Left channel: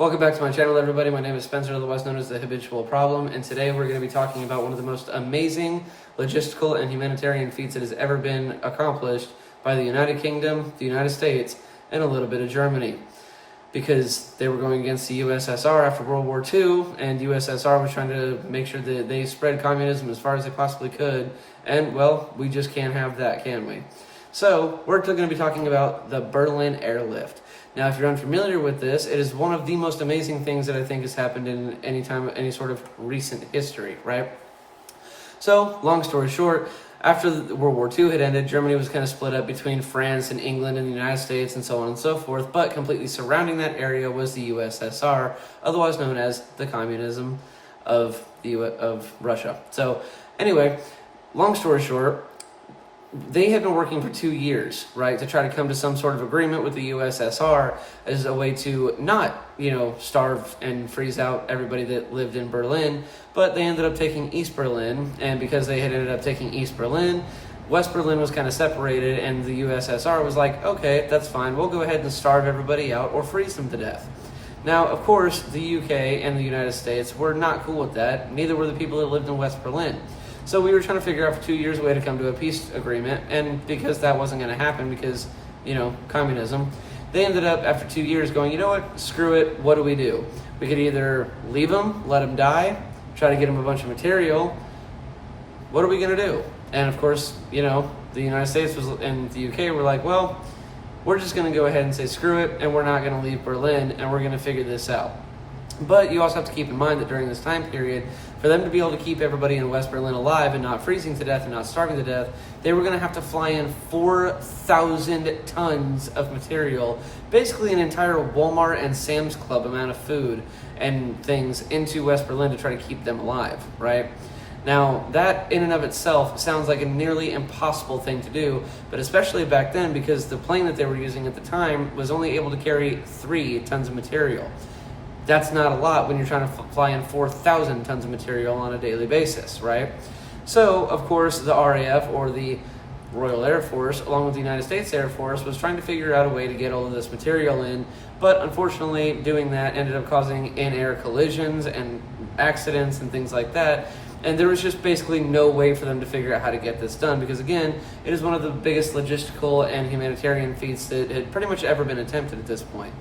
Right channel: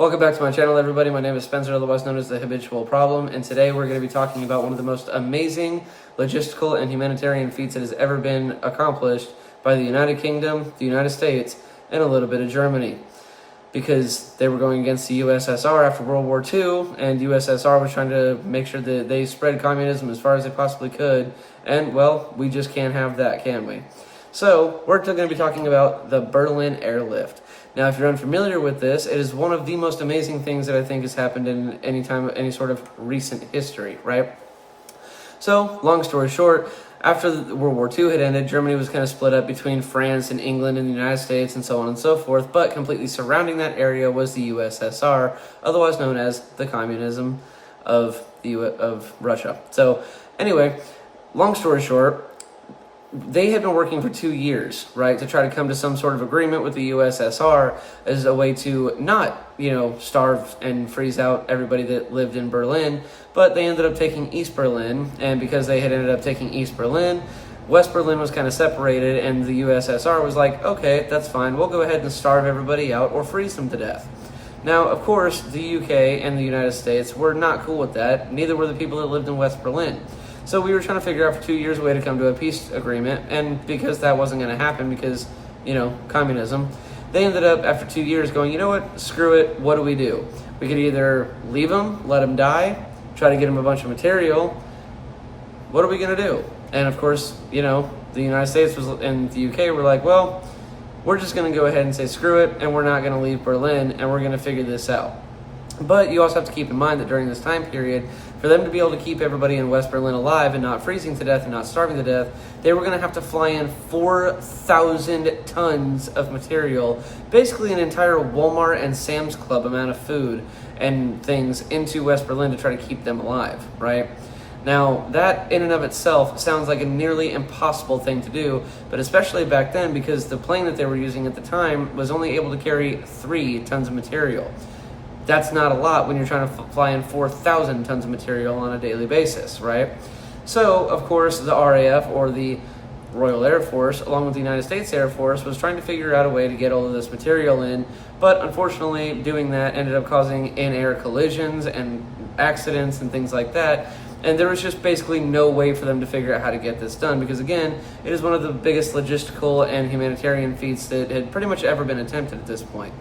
Welcome back to my channel, everybody. My name is Spencer, otherwise known as the Habitual Problem, and today we're going to be talking about one of the most amazing logistical and humanitarian feats that has ever been accomplished by the United Kingdom, the United States, and a little bit of Germany. Because they were going against the USSR after World War II, and USSR was trying to make sure that they spread communism as far as they possibly could, and, well, we just can't have that, can we? So, we're going to be talking about the Berlin Airlift. Now, if you're unfamiliar with this, it is one of the most amazing things that I think has happened in any sort of recent history, right? So, long story short, after World War II had ended, Germany was kind of split up between France and England and the United States and so on and so forth, but completely surrounding that area was the USSR, otherwise known as the communism of Russia. So, anyway, long story short, they had been working for 2 years, right, to try to come to some sort of agreement with the USSR as a way to not, starve and freeze out everybody that lived in Berlin, but they ended up taking East Berlin, and because they had ended up taking East Berlin, West Berlin was kind of separated, and the USSR was like, okay, that's fine, we'll go ahead and starve everybody out or freeze them to death. Now, of course, the UK and the United States were not cool with that, neither were the people that lived in West Berlin. So we were trying to figure out for 2 years a way to come to a peace agreement, and because that wasn't going to happen because, communism, they ended up, after 2 years, going, you know what, screw it, what do? We could either leave them, let them die, try to get them a bunch of material. What are we going to do? And of course, the United States and the UK were like, well, we're just going to go ahead and say screw it, and we're not going to leave Berlin, and we're going to figure this out. But you also have to keep in mind that during this time period, for them to be able to keep everybody in West Berlin alive and not freezing to death and not starving to death, they were going to have to fly in 4,000 tons of material, basically an entire Walmart and Sam's Club amount of food and things into West Berlin to try to keep them alive, right? Now, that in and of itself sounds like a nearly impossible thing to do, but especially back then because the plane that they were using at the time was only able to carry 3 tons of material. That's not a lot when you're trying to fly in 4,000 tons of material on a daily basis, right? So, of course, the RAF, or the Royal Air Force, along with the United States Air Force, was trying to figure out a way to get all of this material in, but unfortunately, doing that ended up causing in-air collisions and accidents and things like that, and there was just basically no way for them to figure out how to get this done, because again, it is one of the biggest logistical and humanitarian feats that had pretty much ever been attempted at this point.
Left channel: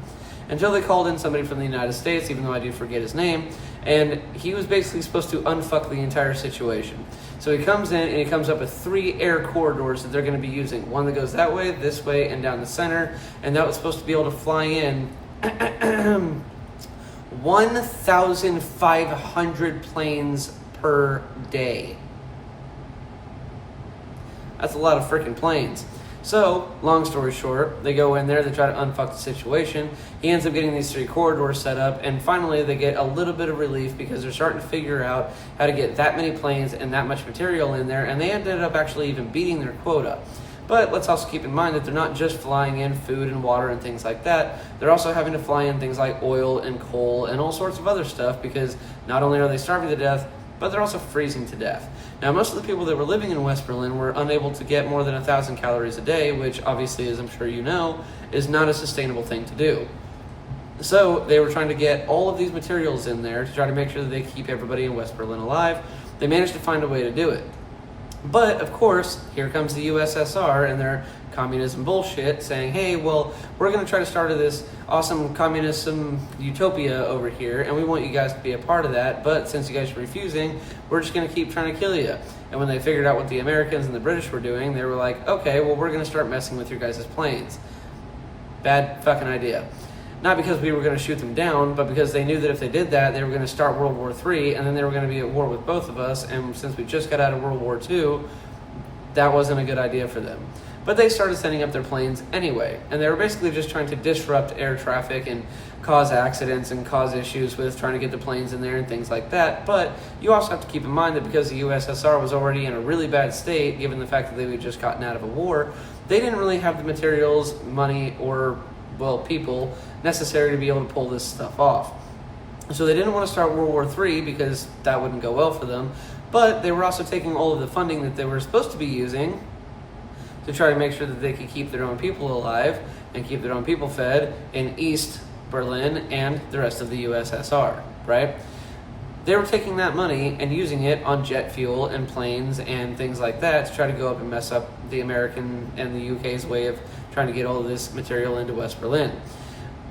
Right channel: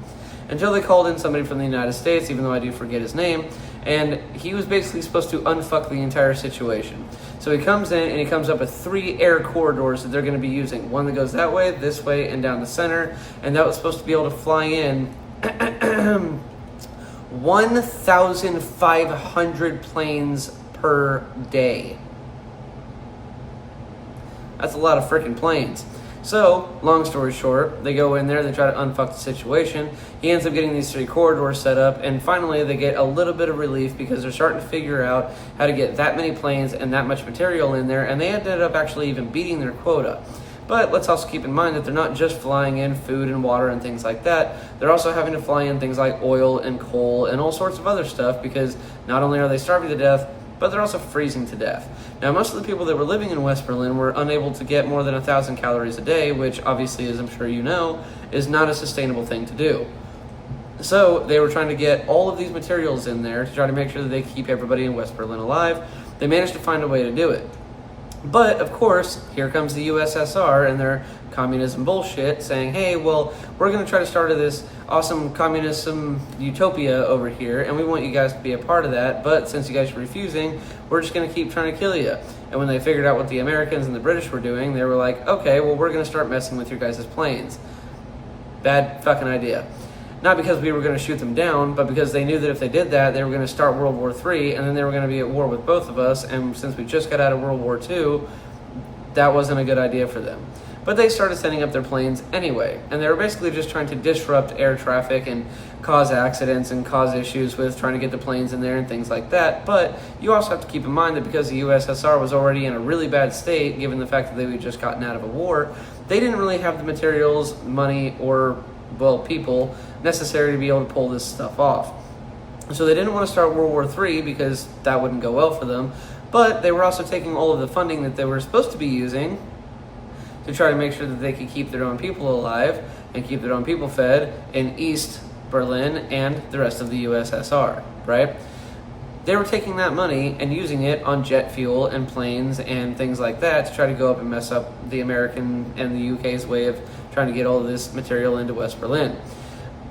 Until they called in somebody from the United States, even though I do forget his name, and he was basically supposed to unfuck the entire situation. So he comes in and he comes up with 3 air corridors that they're going to be using. One that goes that way, this way, and down the center, and that was supposed to be able to fly in 1,500 planes per day. That's a lot of freaking planes. So, long story short, they go in there, they try to unfuck the situation. He ends up getting these 3 corridors set up, and finally they get a little bit of relief because they're starting to figure out how to get that many planes and that much material in there, and they ended up actually even beating their quota. But let's also keep in mind that they're not just flying in food and water and things like that. They're also having to fly in things like oil and coal and all sorts of other stuff, because not only are they starving to death, but they're also freezing to death. Now, most of the people that were living in West Berlin were unable to get more than 1,000 calories a day, which obviously, as I'm sure you know, is not a sustainable thing to do. So they were trying to get all of these materials in there to try to make sure that they keep everybody in West Berlin alive. They managed to find a way to do it. But, of course, here comes the USSR and their communism bullshit saying, hey, well, we're going to try to start this awesome communism utopia over here, and we want you guys to be a part of that, but since you guys are refusing, we're just going to keep trying to kill you. And when they figured out what the Americans and the British were doing, they were like, okay, well, we're going to start messing with your guys' planes. Bad fucking idea. Not because we were going to shoot them down, but because they knew that if they did that, they were going to start World War III, and then they were going to be at war with both of us, and since we just got out of World War II, that wasn't a good idea for them. But they started sending up their planes anyway, and they were basically just trying to disrupt air traffic and cause accidents and cause issues with trying to get the planes in there and things like that. But you also have to keep in mind that because the USSR was already in a really bad state, given the fact that they had just gotten out of a war, they didn't really have the materials, money, or people necessary to be able to pull this stuff off. So they didn't want to start World War III because that wouldn't go well for them, but they were also taking all of the funding that they were supposed to be using to try to make sure that they could keep their own people alive and keep their own people fed in East Berlin, and the rest of the USSR, right? They were taking that money and using it on jet fuel and planes and things like that to try to go up and mess up the American and the UK's way of trying to get all of this material into West Berlin.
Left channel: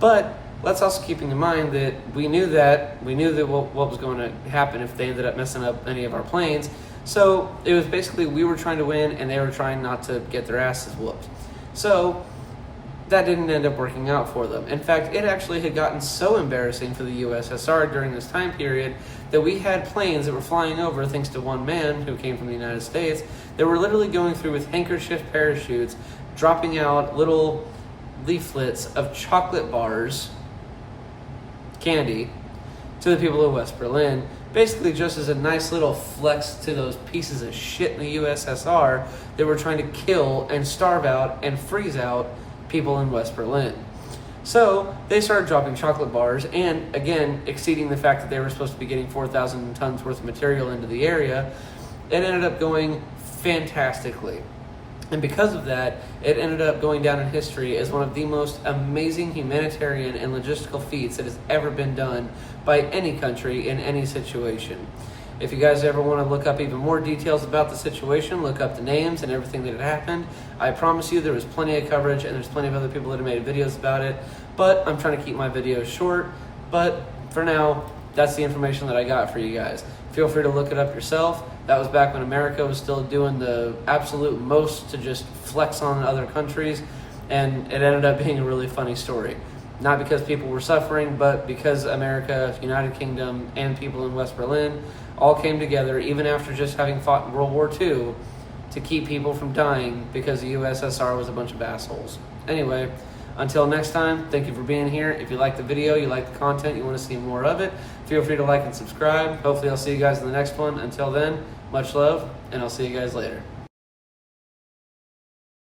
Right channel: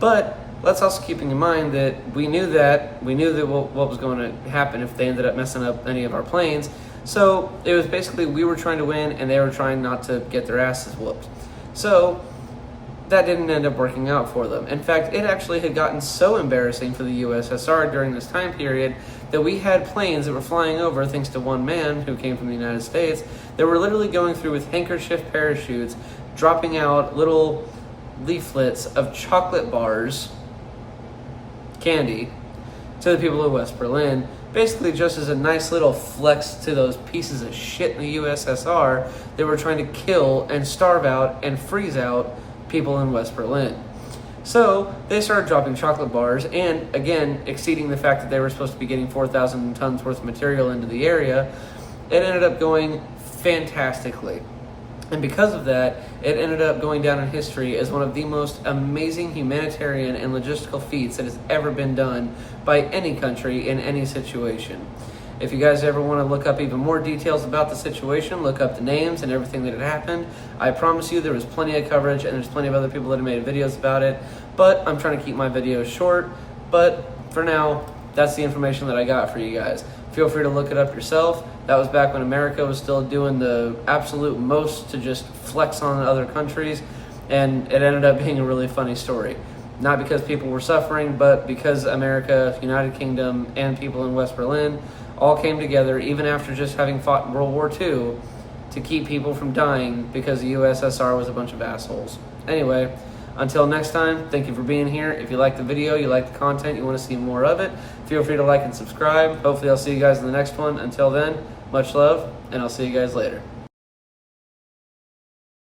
But let's also keep in mind that we knew that what was going to happen if they ended up messing up any of our planes. So it was basically we were trying to win and they were trying not to get their asses whooped. So that didn't end up working out for them. In fact, it actually had gotten so embarrassing for the USSR during this time period that we had planes that were flying over, thanks to one man who came from the United States, that were literally going through with handkerchief parachutes, dropping out little leaflets of chocolate bars, candy, to the people of West Berlin, basically just as a nice little flex to those pieces of shit in the USSR that were trying to kill and starve out and freeze out people in West Berlin. So they started dropping chocolate bars, and again, exceeding the fact that they were supposed to be getting 4,000 tons worth of material into the area. It ended up going fantastically. And because of that, it ended up going down in history as one of the most amazing humanitarian and logistical feats that has ever been done by any country in any situation. If you guys ever want to look up even more details about the situation, look up the names and everything that had happened. I promise you there was plenty of coverage and there's plenty of other people that have made videos about it, but I'm trying to keep my videos short. But for now, that's the information that I got for you guys. Feel free to look it up yourself. That was back when America was still doing the absolute most to just flex on other countries, and it ended up being a really funny story. Not because people were suffering, but because America, United Kingdom, and people in West Berlin all came together, even after just having fought in World War II, to keep people from dying because the USSR was a bunch of assholes. Anyway, until next time, thank you for being here. If you like the video, you like the content, you want to see more of it, feel free to like and subscribe. Hopefully I'll see you guys in the next one. Until then, much love, and I'll see you guys later.